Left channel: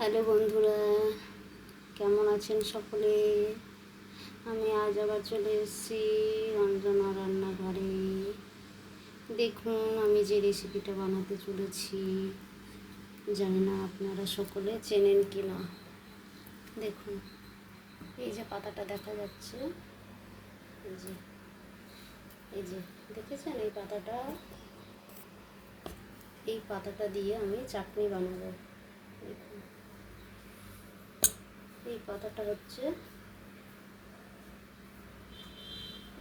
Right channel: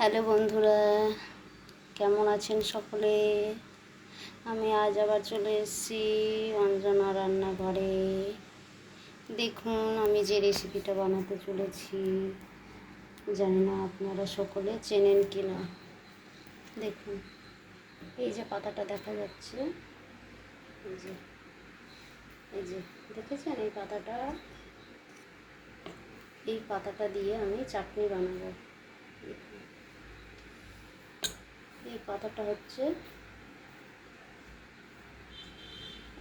Hello বন্ধুরা, কেমন আছেন সকলে? আমি আজ আবার চলে এসেছি অঞ্জনা রান্নাঘরে। দেখুন আমি যে রেসিপিটা বানাতে চলেছি, জানি না আপনারা সকলে চেনেন কি না। দেখুন এই যে পাতাটা দেখা যাচ্ছে, এই যে এই যে দেখেছেন এই পাতাটা দিয়ে আমি চাটনি বানাবো। দেখুন এই পাতাটা হচ্ছে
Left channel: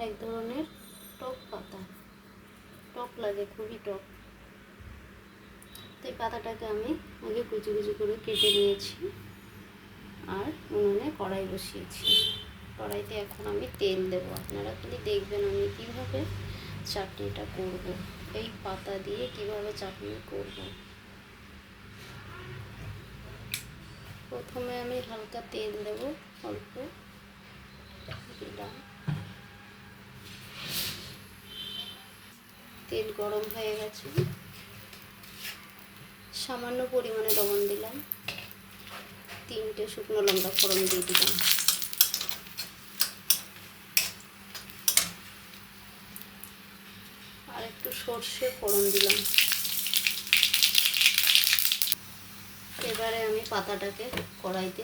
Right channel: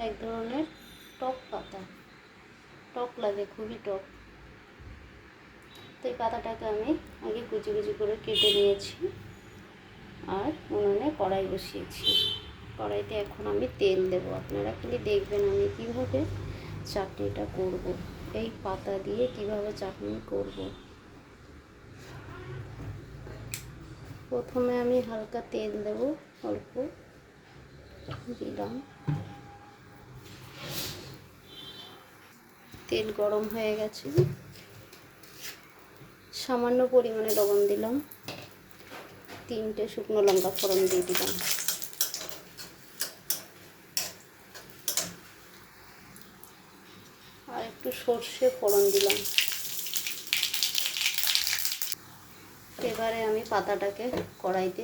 এক ধরনের টক পাতা, টক লাগে, খুবই টক। তো এই পাতাটাকে আমি আগে কুচি কুচি করে কেটে নিয়েছি আর উনুনে কড়াই বসিয়েছি। কড়াইতে এখন আমি তেল দেবো। আপনারা খালি দেখবেন আমি কিভাবে চাটনিটা করব, এই পাতা দিয়ে কিভাবে চাটনি করব। প্রথমে আমি হালকা তেল দেব, অল্প দিলাম। তেল গরম হয়ে গেছে, সামান্য পরিমাণে লবণ দিলাম, 3টে শুকনো লঙ্কা ফোড়ন দিয়ে দিলাম, আর একটু সর্ষে ফোড়ন দিলাম। এবারে আমি পাতাটাকে কড়াইতে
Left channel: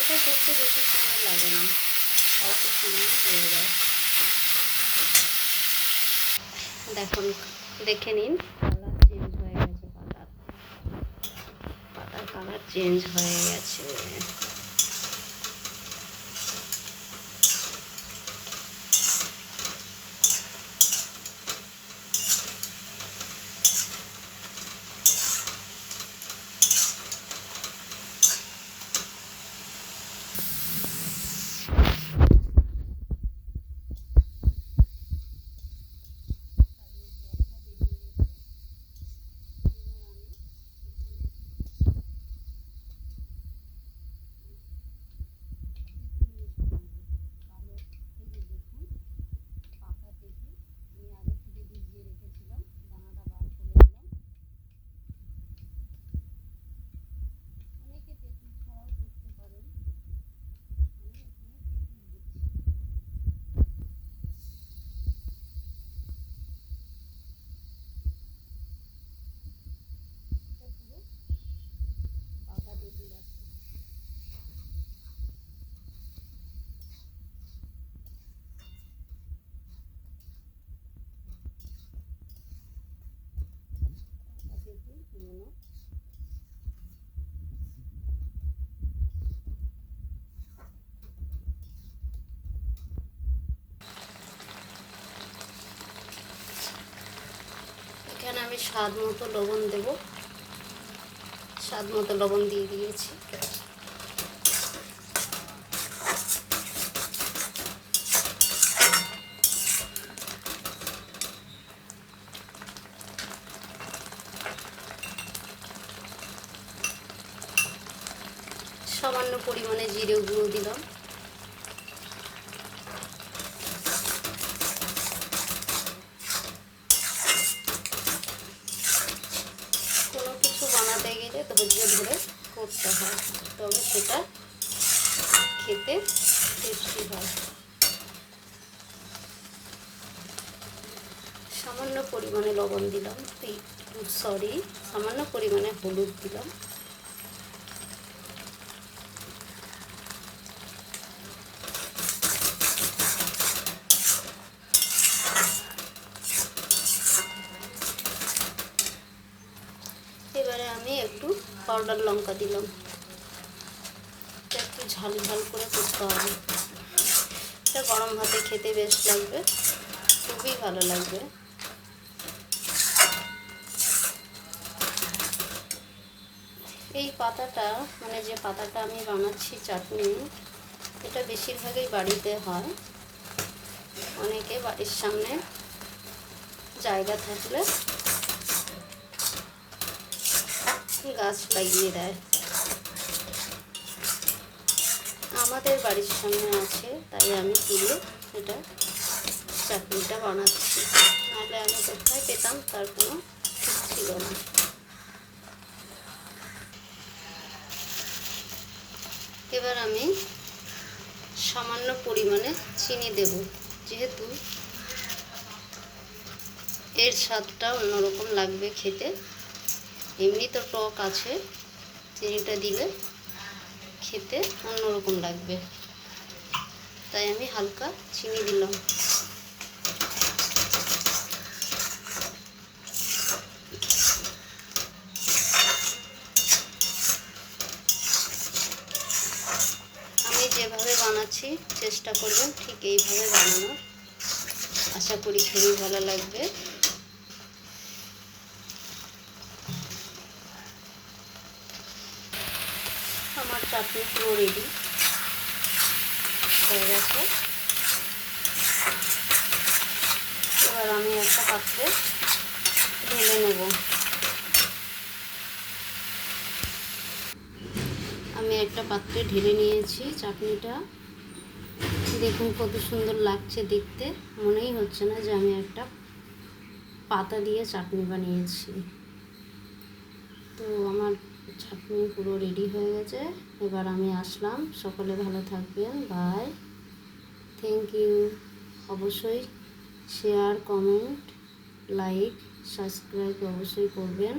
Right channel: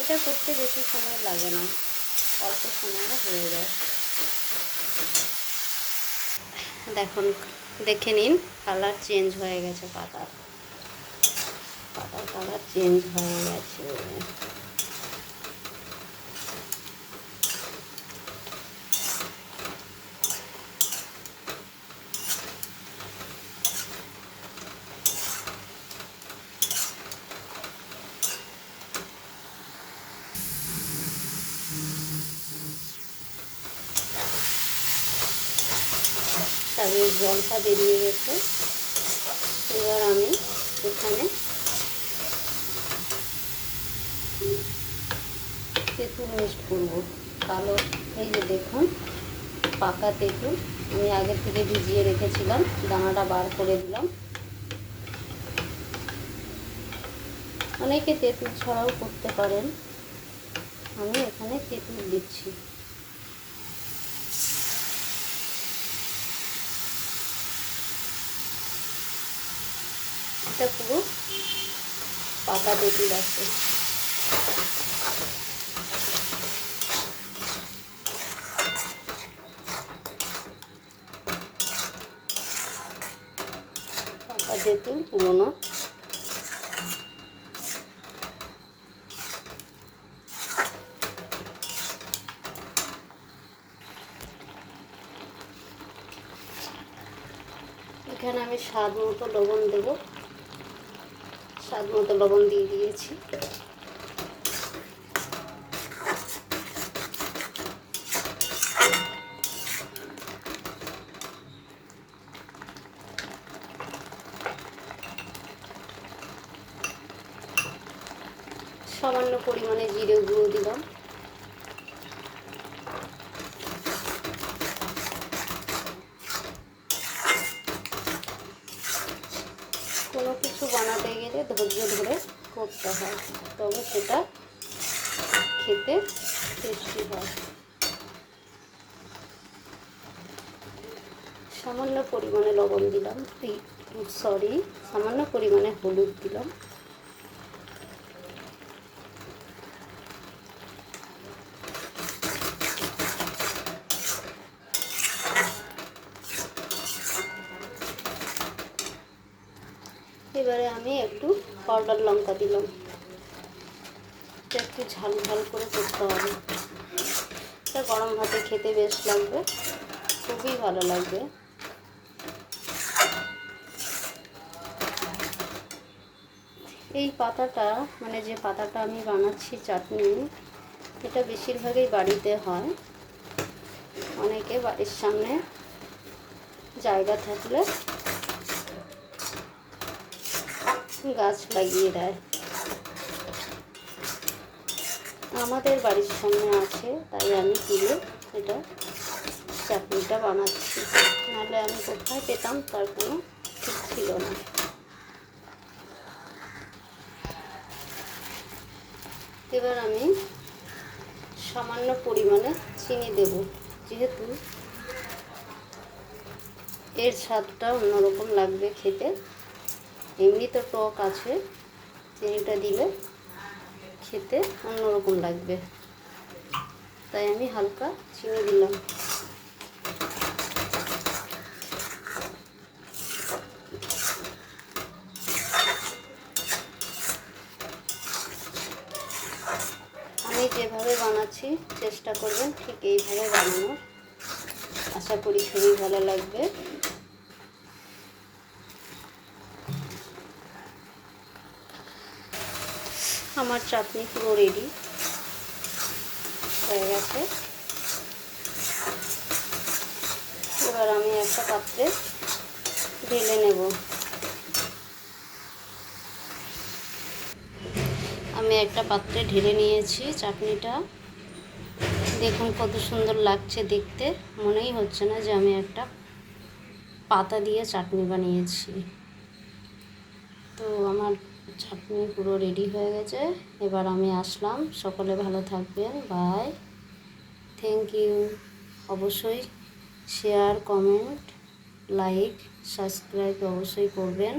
এটা করতে বেশি সময় লাগে না, অল্প সময় হয়ে যায়। দেখুন, দেখে নিন কালার চেঞ্জ হয়ে গেছে, পাতার কালার চেঞ্জ হয়ে গেছে। তারপরে জলটা বেরিয়ে গেছে। এবার আমি এখানে তেঁতুল মিক্সড করবো। কালো, এই যে দেখুন পাকা তেঁতুল আমি আগে থেকে ভিজিয়ে রেখেছিলাম, দানাটা বার করে দিলাম। অনেকে তেঁতুল ছাড়াও করতে পারেন, আমি এখানে তেঁতুল দিচ্ছি। এটা পুরো পাকা তেঁতুল আছে। পাকা তেঁতুল পুরোনো। এখানে আমি স্বাদ মতো লবণ দেব, স্বাদ মতো লবণ দিয়ে দিয়েছি। সামান্য পরিমাণে জিরে গুঁড়ো দিলাম। কোনো কিছু বানাতে গেলে ধৈর্য ধরে করতে হয়, তবে সেটা খেতে টেস্টি হয়। সামান্য পরিমাণে লবণ দিলাম, সামান্য পরিমাণে হলুদ দিলাম। এবারে আমি একটু পাউডার লঙ্কা দিলাম। একটু ঝাল ঝাল করে করতে হবে, এটা গরম ভাতে খেতে বেশ লাগবে, খুবই ভালো লাগবে। এই পাতাটা, মানে যে পাতাটা আমি বানাচ্ছি চাটনি, এটা বেশিরভাগই বাড়িতে হয়। অনেকে বাড়ির সামনে জায়গা থাকলে গাছ লাগিয়ে দেয়। আমাদের বাড়ির সামনে আছে, তাই আমি তুলে এটা চাটনিটা বানাচ্ছি, নাহলে আমি কোথায় পেতাম তার কোনো ঠিক ছিল না। এবার আমি সামান্য পরিমাণে চিনি দেব, যেহেতু এর স্বাদটা অন্যরকম লাগবে খেতে। এমনি তো টক আছে, চিনিটা দিলে খেতে অন্যরকম লাগবে, তাই আমি হালকা চিনি দিলাম। আমি যেভাবে বানাচ্ছি চেষ্টা করবেন ঠিক এইভাবে বানানোর, আশা করি খুবই ভালো লাগবে। আমার চাটনি পুরো রেডি হয়ে গেছে। এবার আমি একটা পাত্রে ঢেলে নেব। আমি একটা পাত্রে ঢেলে নিয়েছি চাটনিটা। দেখুন কত সুন্দর লাগছে দেখতে, মনেই হচ্ছে না যে আমি একটা পাতা দিয়ে চাটনি বানিয়েছি। তো আমার চাটনি পুরো রেডি হয়ে গেছে, এবার আমি আসলাম। সকলে ভালো থাকবেন, বাই, থ্যাংক ইউ। অবশ্যই শেয়ার, কমেন্ট, লাইক, সাবস্ক্রাইব অবশ্যই করবেন।